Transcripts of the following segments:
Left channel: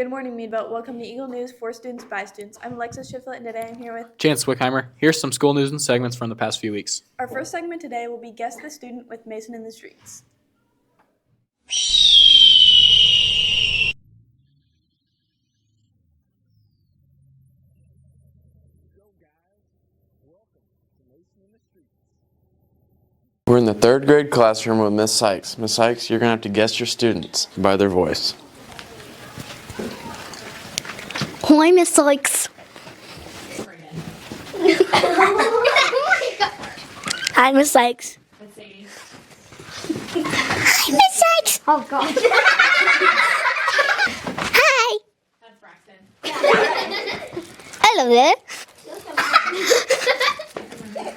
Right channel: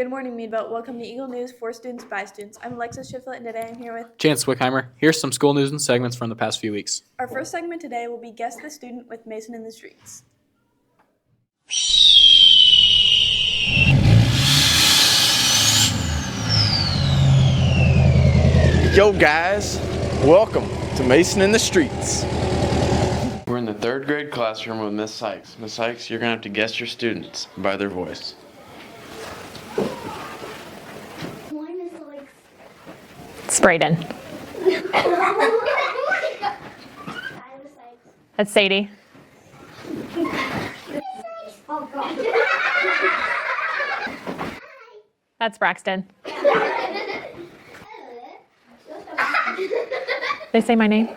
Good morning, Meadville. Welcome to Eagle News for Students by Students. I'm Alexis Shiflett, and today I'm here with Chance Swickheimer. Here's some school news and segments from the past few weeks. our first segment today will be Guess the Student with Mason in the Streets. Yo guys, welcome to Mason in the Streets. We're in the third grade classroom with Miss Sykes. Miss Sykes, you're gonna have to guess your students by their voice. Hi, Miss Sykes. It's Brayden. Hi, Miss Sykes. That's Sadie. Hi, Miss Sykes. Oh, God. Hi. That's Braxton. Hello there. They say my name.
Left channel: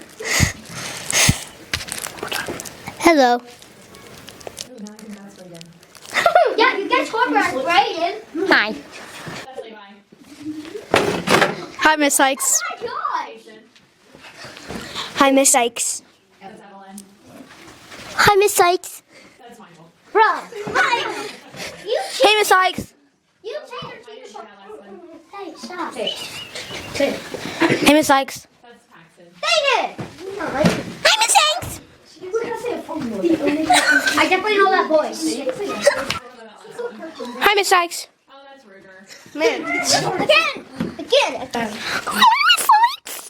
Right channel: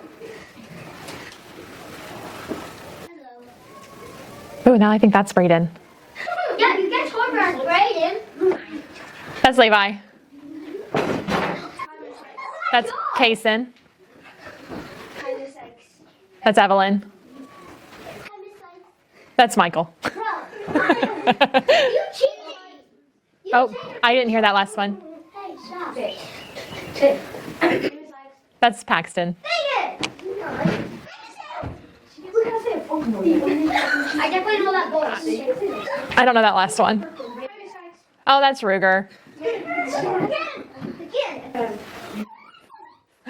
Hello. Oh, now I think that's Brayden. Yeah, you get scorebird, Brayden. Hi. That's Levi. Hi, Miss Sykes. That's Kaysen. Hi, Miss Sykes. That's Evelyn. Hi, Miss Sykes. That's Michael. Bro. Hi. Hey, Miss Sykes. Oh, I didn't hear that last one. Hey, stop it. Hey, Miss Sykes. That's Paxton. Dang it. Hi, Miss Sykes. I definitely know that voice. I don't know that last one. Hi, Miss Sykes. Oh, that's Ruger. Again. Hi, Miss Sykes.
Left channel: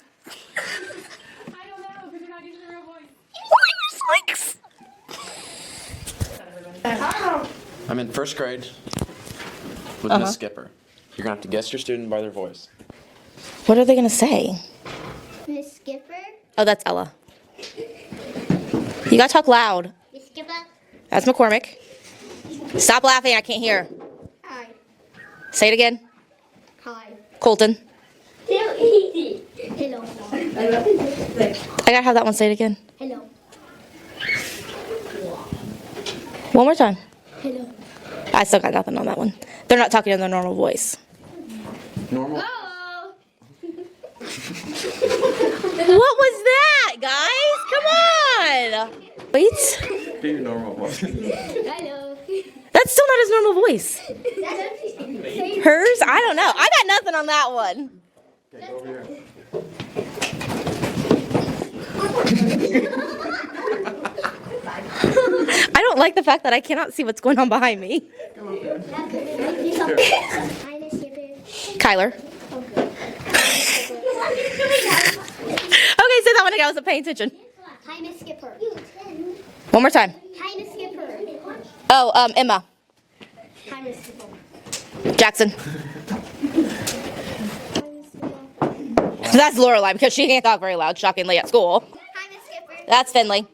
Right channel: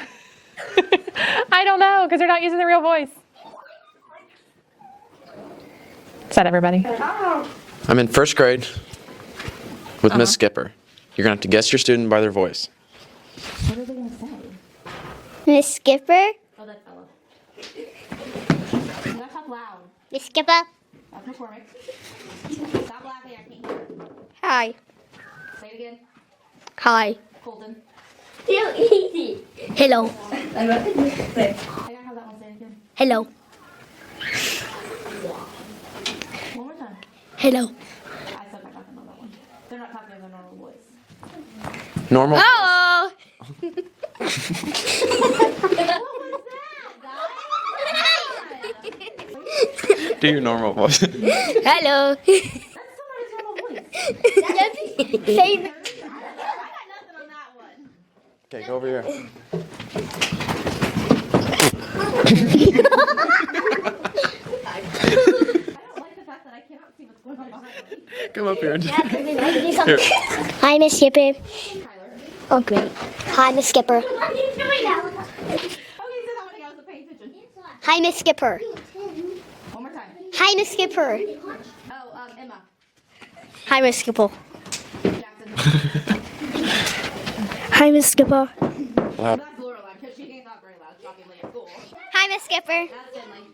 I don't know, because they're not using the real voice. Hi, Miss Sykes. Is that everybody? I'm in first grade with Miss Skipper. You're gonna have to guess your student by their voice. What are they going to say? Miss Skipper. Oh, that's Ella. You got to talk loud. Miss Skipper. That's McCormick. Stop laughing. I can't hear. Hi. Say it again. Hi. Colton. Hello. I got to have that one. Say it again. Hello. One more time. Hello. I still got nothing on that one. They're not talking in their normal voice. Normal? Hello. What was that, guys? Come on. Wait. Do your normal voice. Hello. That's still not his normal voice. Hers? I don't know. I got nothing on that one. Okay, go over here. I don't like the fact that I cannot see what's going on behind me. Come up here. Hi, Miss Skipper. Kyler. Okay. Hi, Miss Skipper. Okay, say that one again. I wasn't paying attention. Hi, Miss Skipper. One more time. Hi, Miss Skipper. Oh, Emma. Hi, Miss Skipper. Jackson. Hi, Miss Skipper. That's Lorelai because she can't talk very loud, shockingly, at school. Hi, Miss Skipper. That's Finley.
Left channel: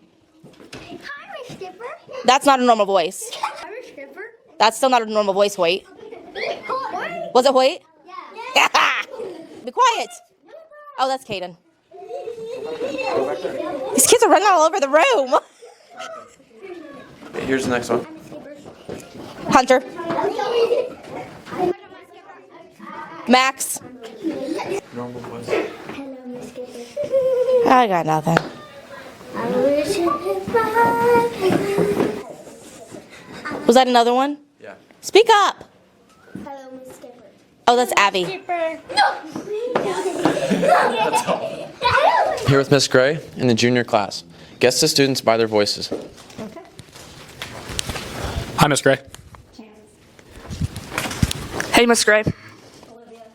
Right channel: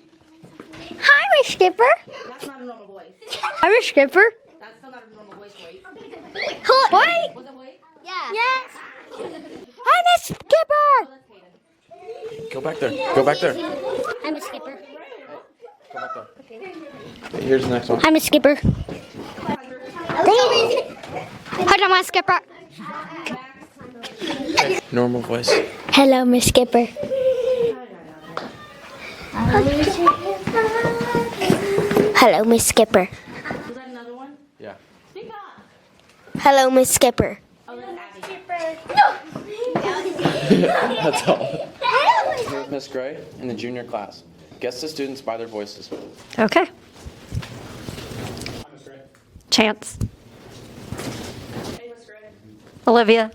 Hi, Miss Skipper. That's not a normal voice. Hi, Miss Skipper. That's still not a normal voice, Hoyt. Hoyt. Was it Hoyt? Yeah. Be quiet. Hi, Miss Skipper. Oh, that's Caden. Go back there. Go back there. These kids are running all over the room. Here's the next one. Hi, Miss Skipper. Hunter. Hi, Miss Skipper. Max. Normal voice. Hello, Miss Skipper. I got nothing. Hello, Miss Skipper. Was that another one? Yeah. Speak up. Hello, Miss Skipper. Oh, that's Abby. That's all. Here with Miss Gray in the junior class. Guess the students by their voices. Okay. Hi, Miss Gray. Chance. Hey, Miss Gray. Olivia.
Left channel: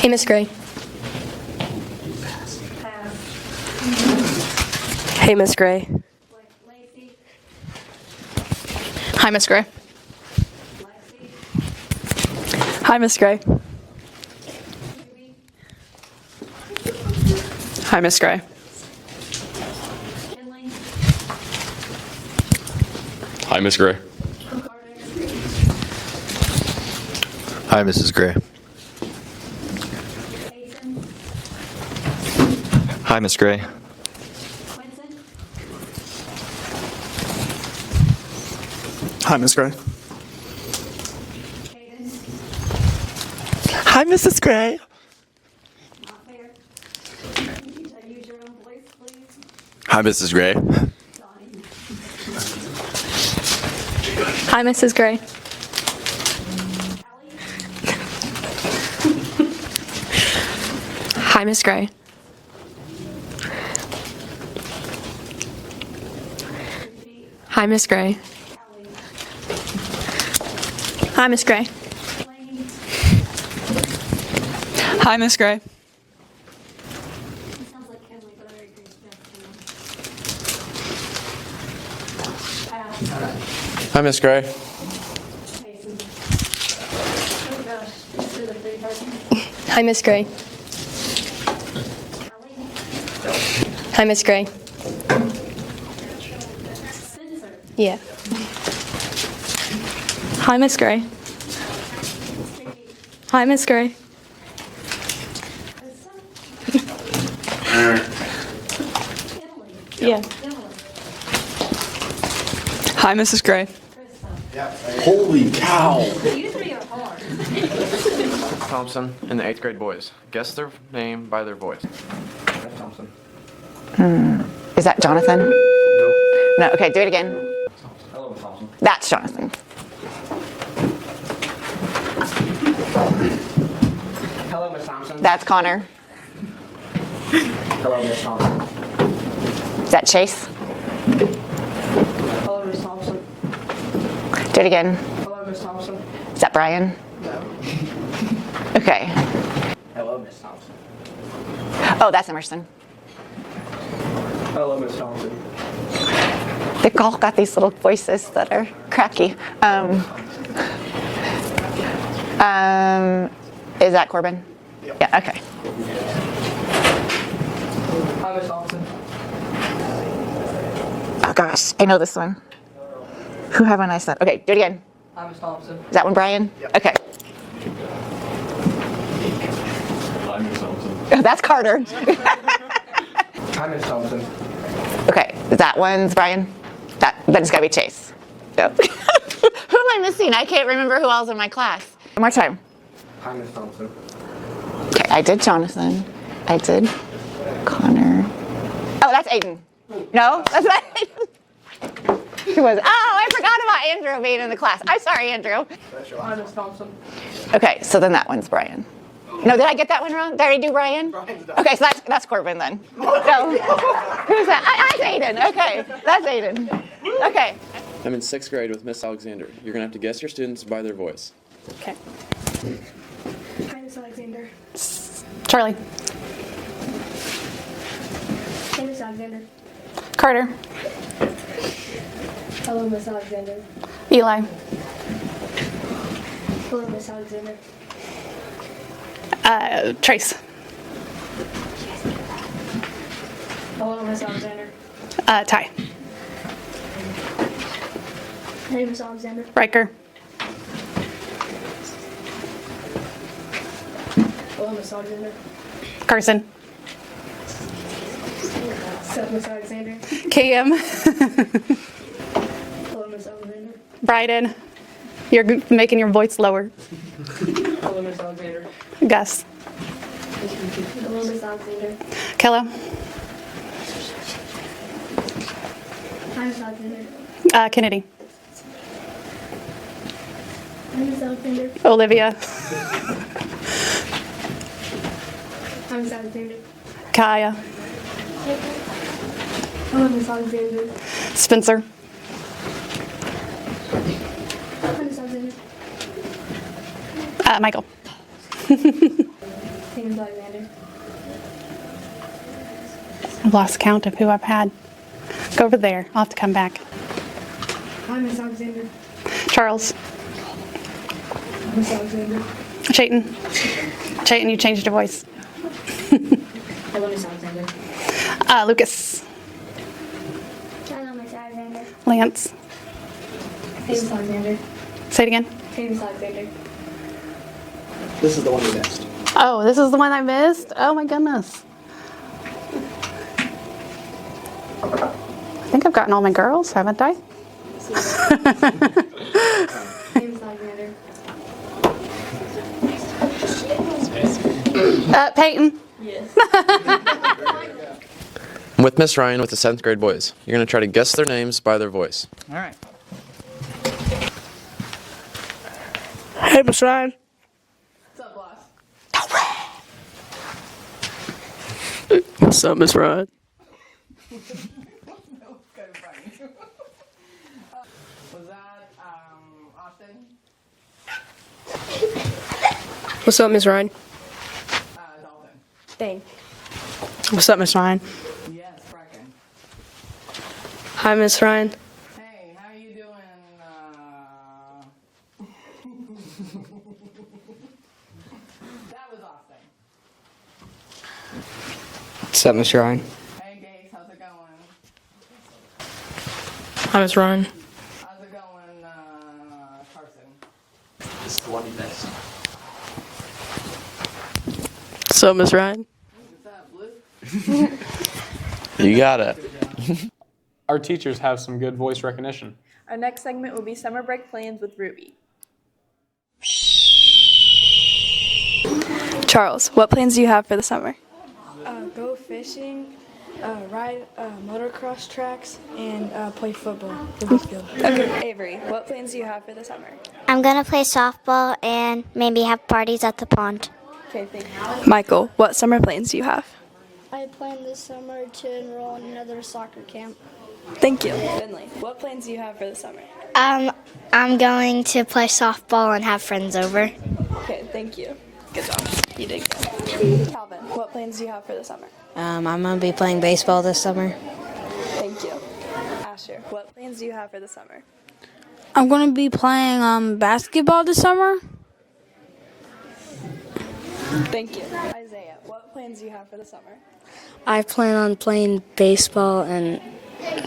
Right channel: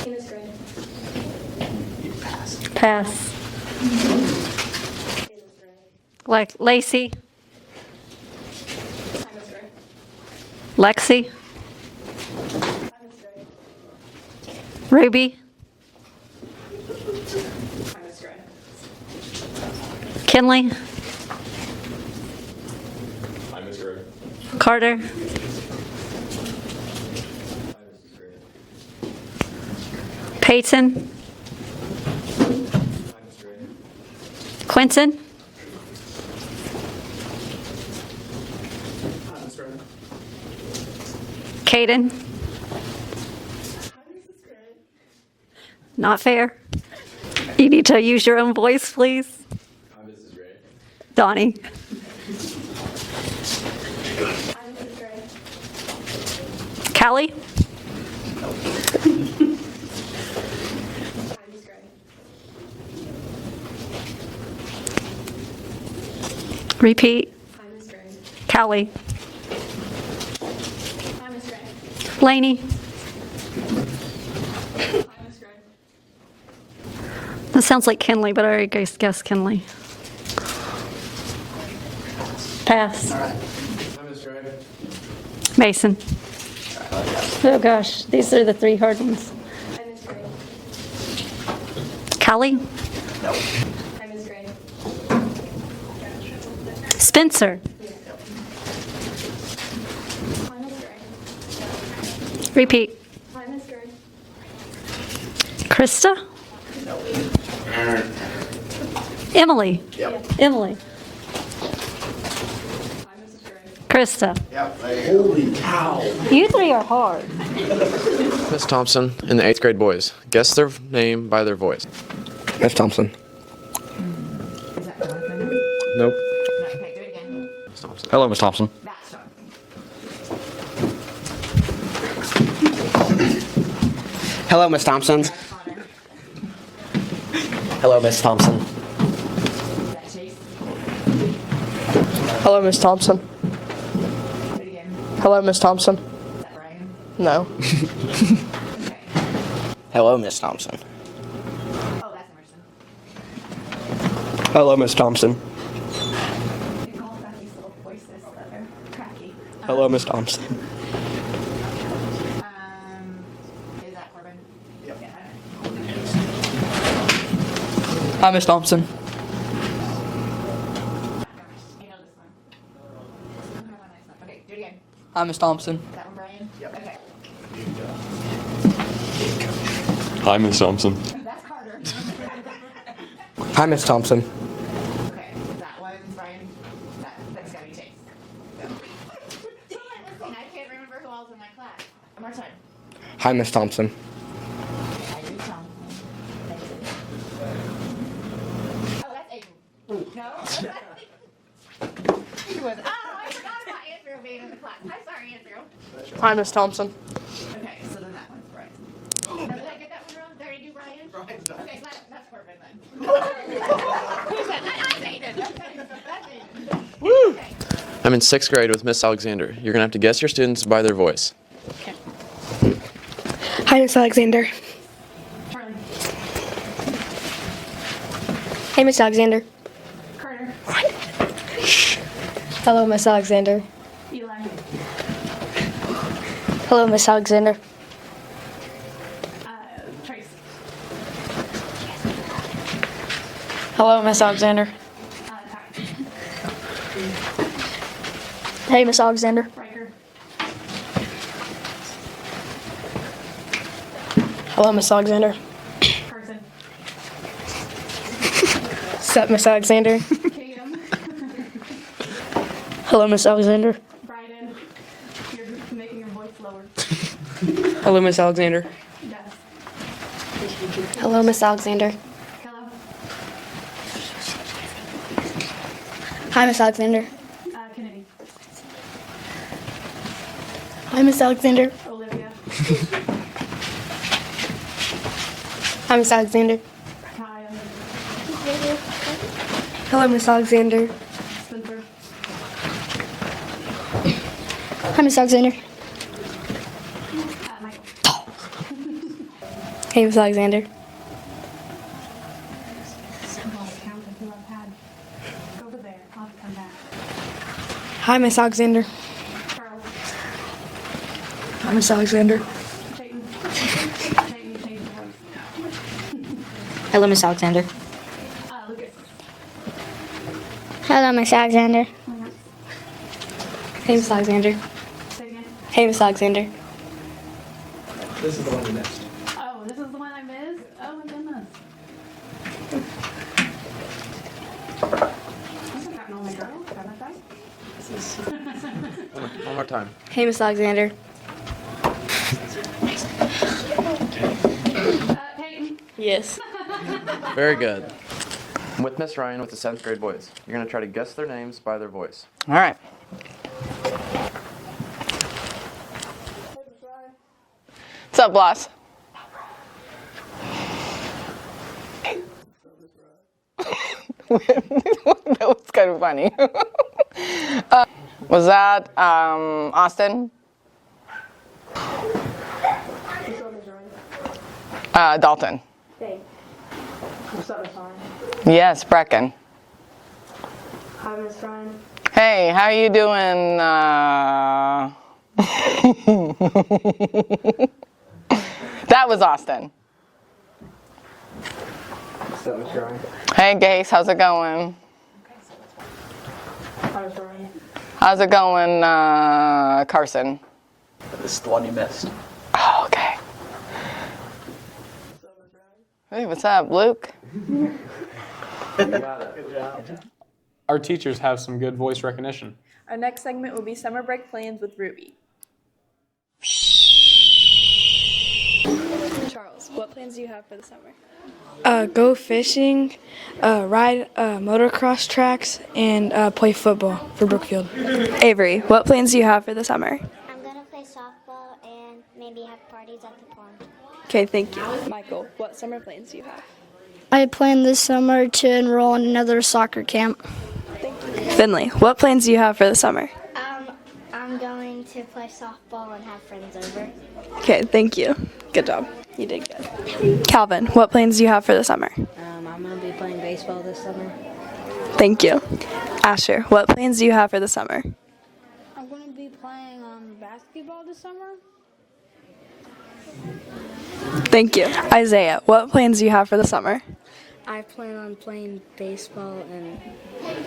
Hey, Miss Gray. Pass. Hey, Miss Gray. Lacey. Hi, Miss Gray. Lexi. Hi, Miss Gray. Ruby. Hi, Miss Gray. Kinley. Hi, Miss Gray. Carter. Hi, Mrs. Gray. Peyton. Hi, Miss Gray. Quentin. Hi, Miss Gray. Caden. Hi, Mrs. Gray. Not fair. You need to use your own voice, please. Hi, Mrs. Gray. Donnie. Hi, Mrs. Gray. Callie. Hi, Miss Gray. Repeat. Hi, Miss Gray. Callie. Hi, Miss Gray. Lainey. Hi, Miss Gray. That sounds like Kinley, but I already guessed Kinley. Pass. Hi, Miss Gray. Mason. Oh gosh, these are the three hard ones. Hi, Miss Gray. Callie. Hi, Miss Gray. Spencer. Yeah. Hi, Miss Gray. Repeat. Hi, Miss Gray. Krista. Emily. Yeah. Emily. Hi, Mrs. Gray. Krista. Holy cow. You three are hard. Miss Thompson and the 8th grade boys. Guess their name by their voice. Miss Thompson. Is that Jonathan? Nope. No, okay, do it again. Hello, Miss Thompson. That's Jonathan. Hello, Miss Thompson. That's Connor. Hello, Miss Thompson. Is that Chase? Hello, Miss Thompson. Do it again. Hello, Miss Thompson. Is that Brian? No. Okay. Hello, Miss Thompson. Oh, that's Emerson. Hello, Miss Thompson. They've all got these little voices that are cracky. Hello, Miss Thompson. Is that Corbin? Yeah, okay. Hi, Miss Thompson. Oh gosh, I know this one. Who haven't I said? Okay, do it again. Hi, Miss Thompson. Is that one Brian? Okay. Hi, Miss Thompson. Oh, that's Carter. Hi, Miss Thompson. Okay, that one's Brian. Then it's gotta be Chase. So. Who am I missing? I can't remember who else in my class. One more time. Hi, Miss Thompson. Okay, I did Jonathan. I did Connor. Oh, that's Aiden. No, that's not Aiden. Who was? Oh, I forgot about Andrew being in the class. I'm sorry, Andrew. Hi, Miss Thompson. Okay, so then that one's Brian. No, did I get that one wrong? Did I already do Brian? Okay, so that's Corbin then. So, who's that? That's Aiden. Okay, that's Aiden. Okay. I'm in 6th grade with Miss Alexander. You're going to have to guess your students by their voice. Okay. Hi, Miss Alexander. Charlie. Hey, Miss Alexander. Carter. Hello, Miss Alexander. Eli. Hello, Miss Alexander. Trace. Hello, Miss Alexander. Ty. Hey, Miss Alexander. Riker. Hello, Miss Alexander. Carson. What's up, Miss Alexander? Cam. Hello, Miss Alexander. Bryden. You're making your voice lower. Hello, Miss Alexander. Gus. Hello, Miss Alexander. Kella. Hi, Miss Alexander. Kennedy. Hi, Miss Alexander. Olivia. Hi, Miss Alexander. Kaya. Hello, Miss Alexander. Spencer. Hi, Miss Alexander. Michael. Hey, Miss Alexander. I've lost count of who I've had. Go over there. I'll have to come back. Hi, Miss Alexander. Charles. Hi, Miss Alexander. Chayton. Chayton, you changed your voice. Hello, Miss Alexander. Lucas. Hello, Miss Alexander. Lance. Hey, Miss Alexander. Say it again. Hey, Miss Alexander. This is the one you missed. Oh, this is the one I missed? Oh my goodness. I think I've gotten all my girls, haven't I? Hey, Miss Alexander. Peyton. Yes. Very good. I'm with Miss Ryan with the 7th grade boys. You're going to try to guess their names by their voice. All right. Hey, Miss Ryan. What's up, boss? What's up, Miss Ryan? That was kind of funny. Was that Austin? What's up, Miss Ryan? Dalton. What's up, Miss Ryan? Yes, Brecken. Hi, Miss Ryan. Hey, how you doing? That was Austin. What's up, Miss Ryan? Hey, Gase, how's it going? Hi, Miss Ryan. How's it going, Carson? This is the one you missed. Oh, okay. What's up, Miss Ryan? Hey, what's up, Luke? You got it. Our teachers have some good voice recognition. Our next segment will be summer break plans with Ruby. Charles, what plans do you have for the summer? Go fishing, ride motocross tracks, and play football for Brookfield. Avery, what plans do you have for the summer? I'm going to play softball and maybe have parties at the pond. Okay, thank you. Michael, what summer plans do you have? I plan this summer to enroll in another soccer camp. Thank you. Finley, what plans do you have for the summer? I'm going to play softball and have friends over. Okay, thank you. Good job. You did good. Calvin, what plans do you have for the summer? I'm going to be playing baseball this summer. Thank you. Asher, what plans do you have for the summer? I'm going to be playing basketball this summer. Thank you. Isaiah, what plans do you have for the summer? I plan on playing baseball and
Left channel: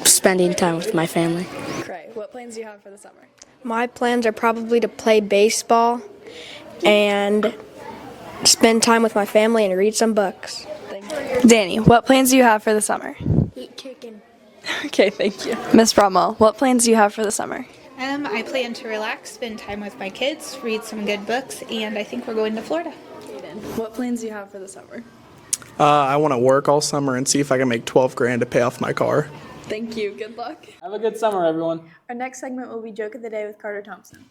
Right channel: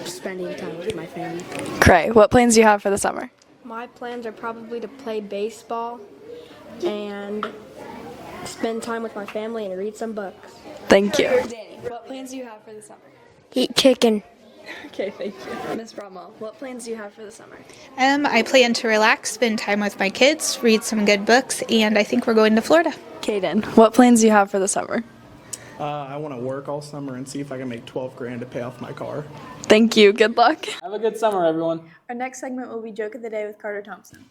spending time with my family. Cray, what plans do you have for the summer? My plans are probably to play baseball and spend time with my family and read some books. Thank you. Danny, what plans do you have for the summer? Eat chicken. Okay, thank you. Miss Bromwell, what plans do you have for the summer? I plan to relax, spend time with my kids, read some good books, and I think we're going to Florida. Kaden, what plans do you have for the summer? I want to work all summer and see if I can make $12,000 to pay off my car. Thank you. Good luck. Have a good summer, everyone. Our next segment will be Joke of the Day with Carter Thompson.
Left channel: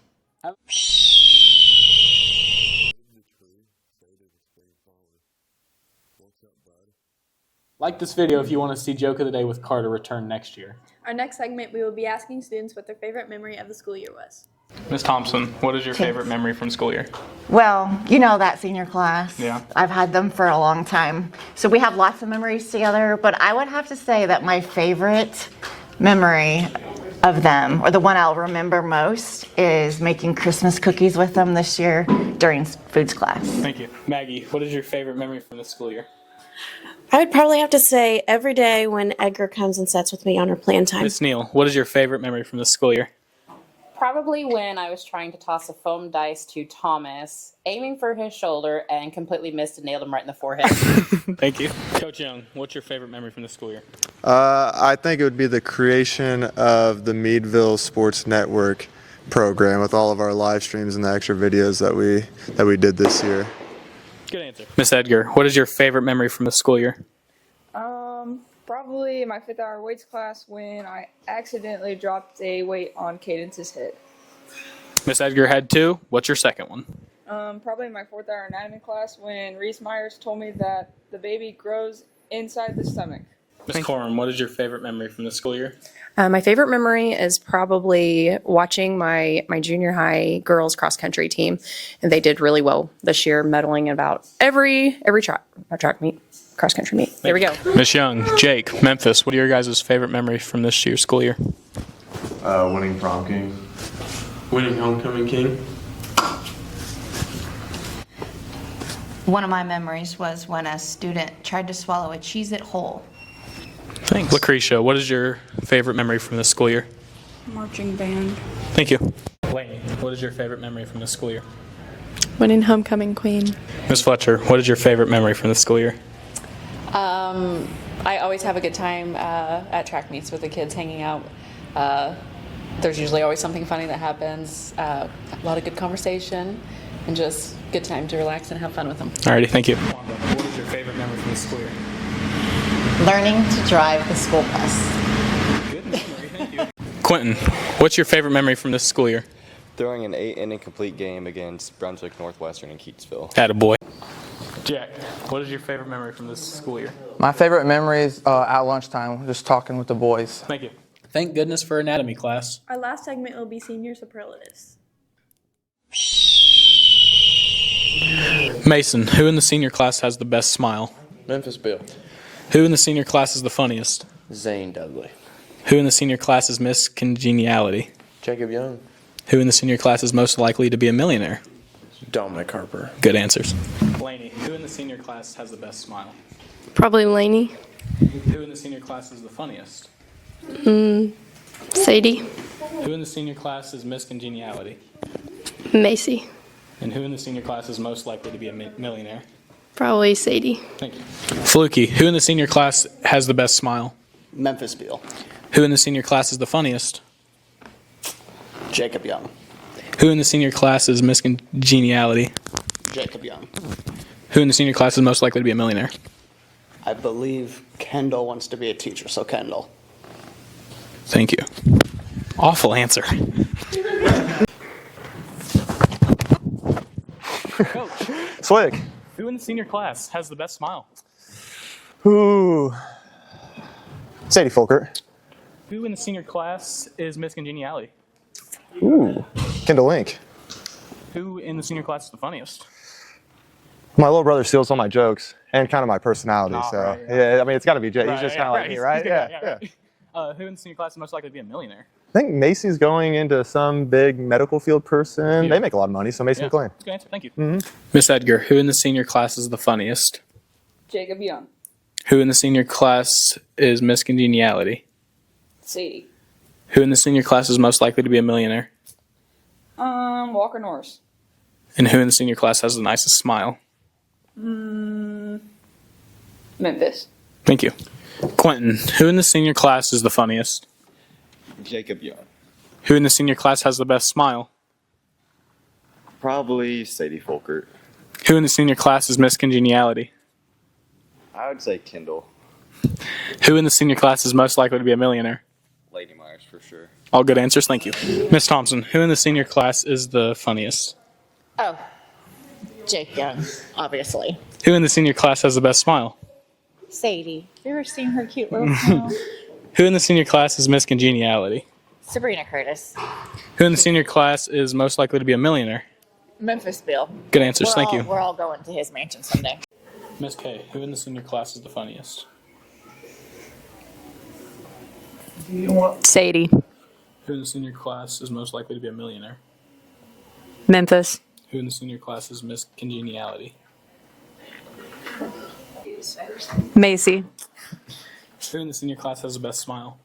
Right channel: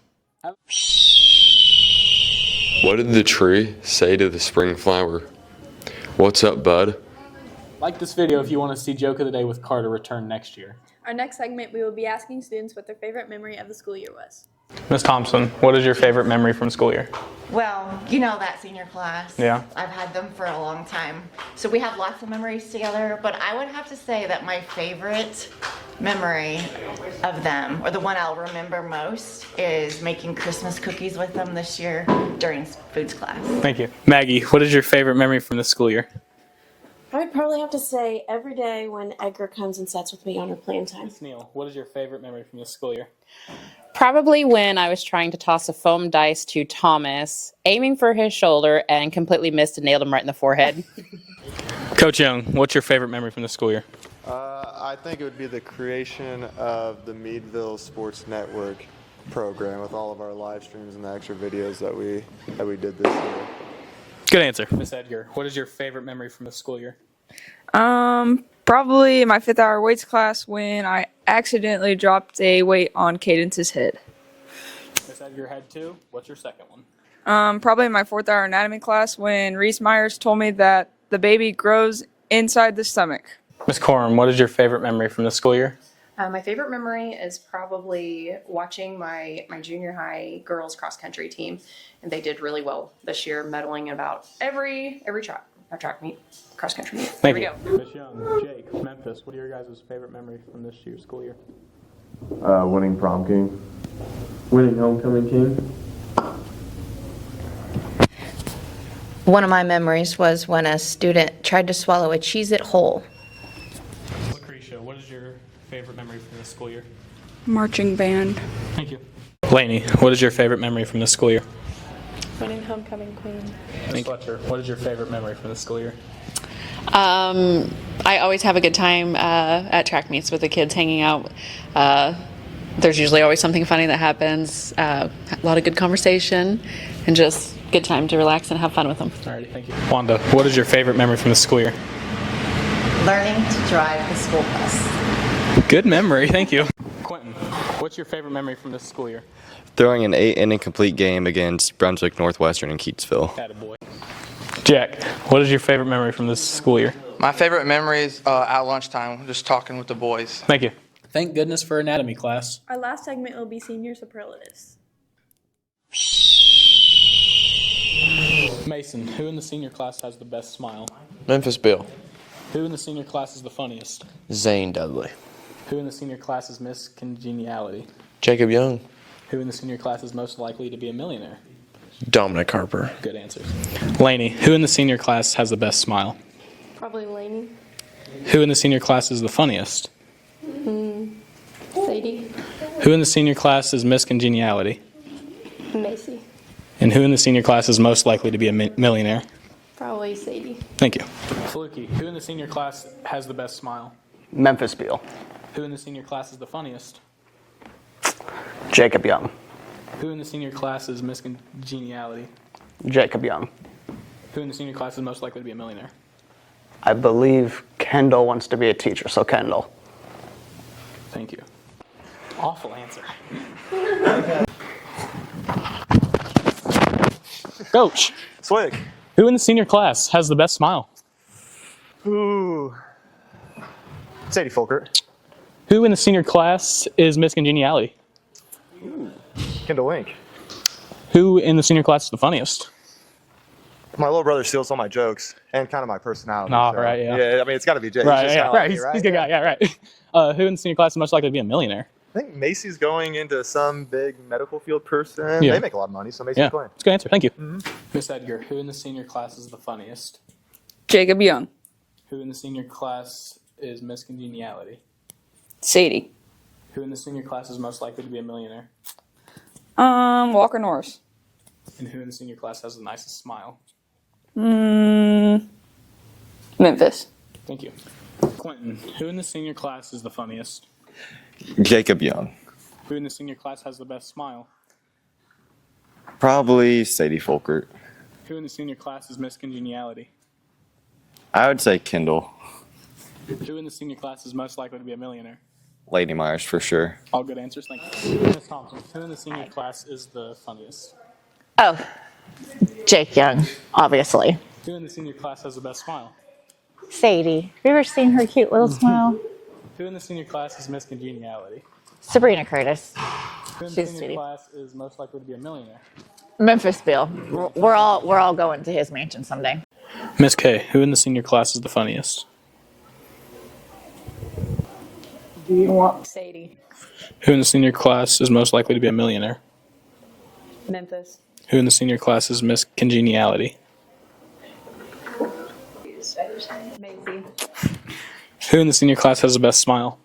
What did the tree say to the spring flower? What's up, bud? Like this video if you want to see Joke of the Day with Carter return next year. Our next segment, we will be asking students what their favorite memory of the school year was. Miss Thompson, what is your favorite memory from school year? Well, you know that senior class. Yeah. I've had them for a long time. So we have lots of memories together, but I would have to say that my favorite memory of them, or the one I'll remember most, is making Christmas cookies with them this year during foods class. Thank you. Maggie, what is your favorite memory from the school year? I would probably have to say every day when Edgar comes and sits with me on our plan time. Miss Neal, what is your favorite memory from the school year? Probably when I was trying to toss a foam dice to Thomas, aiming for his shoulder, and completely missed and nailed him right in the forehead. Thank you. Coach Young, what's your favorite memory from the school year? I think it would be the creation of the Meadville Sports Network program with all of our live streams and the extra videos that we did this year. Good answer. Miss Edgar, what is your favorite memory from the school year? Probably my 5th hour weights class when I accidentally dropped a weight on Cadence's head. Miss Edgar had 2. What's your second one? Probably my 4th hour anatomy class when Reese Myers told me that the baby grows inside the stomach. Miss Corum, what is your favorite memory from the school year? My favorite memory is probably watching my junior high girls cross country team, and they did really well this year, medaling in about every track meet, cross country meet. There we go. Miss Young, Jake, Memphis, what are your guys' favorite memories from this year's school year? Winning prom king. Winning homecoming king. One of my memories was when a student tried to swallow a Cheez-It whole. Thanks. Lucretia, what is your favorite memory from this school year? Marching band. Thank you. Lainey, what is your favorite memory from this school year? Winning homecoming queen. Miss Fletcher, what is your favorite memory from the school year? I always have a good time at track meets with the kids hanging out. There's usually always something funny that happens, a lot of good conversation, and just good time to relax and have fun with them. Alrighty, thank you. Wanda, what is your favorite memory from the school year? Learning to drive the school bus. Good memory, thank you. Quentin, what's your favorite memory from this school year? throwing an 8-inning complete game against Brunswick Northwestern in Keatsville. Attaboy. Jack, what is your favorite memory from this school year? My favorite memory is at lunchtime, just talking with the boys. Thank you. Thank goodness for anatomy class. Our last segment will be senior superlatives. Mason, who in the senior class has the best smile? Memphis Bill. Who in the senior class is the funniest? Zane Dudley. Who in the senior class is Miss Congeniality? Jacob Young. Who in the senior class is most likely to be a millionaire? Dominic Harper. Good answers. Laney, who in the senior class has the best smile? Probably Lainey. Who in the senior class is the funniest? Sadie. Who in the senior class is Miss Congeniality? Macy. And who in the senior class is most likely to be a millionaire? Probably Sadie. Thank you. Fluky, who in the senior class has the best smile? Memphis Beal. Who in the senior class is the funniest? Jacob Young. Who in the senior class is Miss Congeniality? Jacob Young. Who in the senior class is most likely to be a millionaire? I believe Kendall wants to be a teacher, so Kendall. Thank you. Awful answer. Coach. Slick. Who in the senior class has the best smile? Ooh. Sadie Folkert. Who in the senior class is Miss Congeniality? Ooh. Kendall Link. Who in the senior class is the funniest? My little brother steals all my jokes and kind of my personality. Oh, so right, yeah. I mean, it's got to be Jay. Right, He's just yeah, kind of right. like me, He's right? the guy, right. Who in the senior class is most likely to be a millionaire? I think Macy's going into some big medical field person. Yeah. They make a lot of money, so Macy's Yeah, McLean. that's a good answer. Thank you. Miss Edgar, who in the senior class is the funniest? Jacob Young. Who in the senior class is Miss Congeniality? Sadie. Who in the senior class is most likely to be a millionaire? Walker Norris. And who in the senior class has the nicest smile? Memphis. Thank you. Quentin, who in the senior class is the funniest? Jacob Young. Who in the senior class has the best smile? Probably Sadie Folkert. Who in the senior class is Miss Congeniality? I would say Kendall. Who in the senior class is most likely to be a millionaire? Lady Myers for sure. All good answers, thank you. Miss Thompson, who in the senior class is the funniest? Oh, Jake Young, obviously. Who in the senior class has the best smile? Sadie. Have you ever seen her cute little smile? Who in the senior class is Miss Congeniality? Sabrina Curtis. Who in the senior class is most likely to be a millionaire? Memphis Bill. Good answers, thank you. We're all going to his mansion someday. Miss K, who in the senior class is the funniest? Sadie. Who in the senior class is most likely to be a millionaire? Memphis. Who in the senior class is Miss Congeniality? Macy. Who in the senior class has the best smile?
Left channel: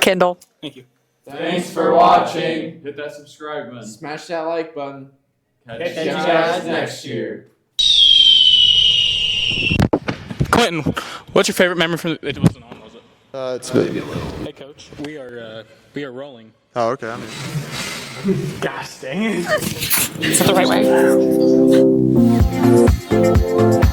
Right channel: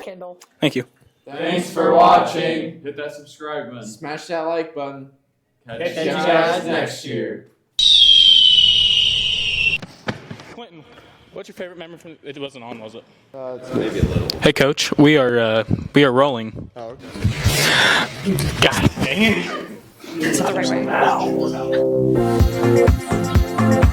Kendall. Thank you. Thanks for watching. Hit that subscribe button. Smash that like button. Catch Catch you guys next year. Quentin, what's your favorite memory from? It wasn't on, was it? It's maybe a little. Hey, Coach, we are rolling. Oh, okay. God dang it! Is that the right way?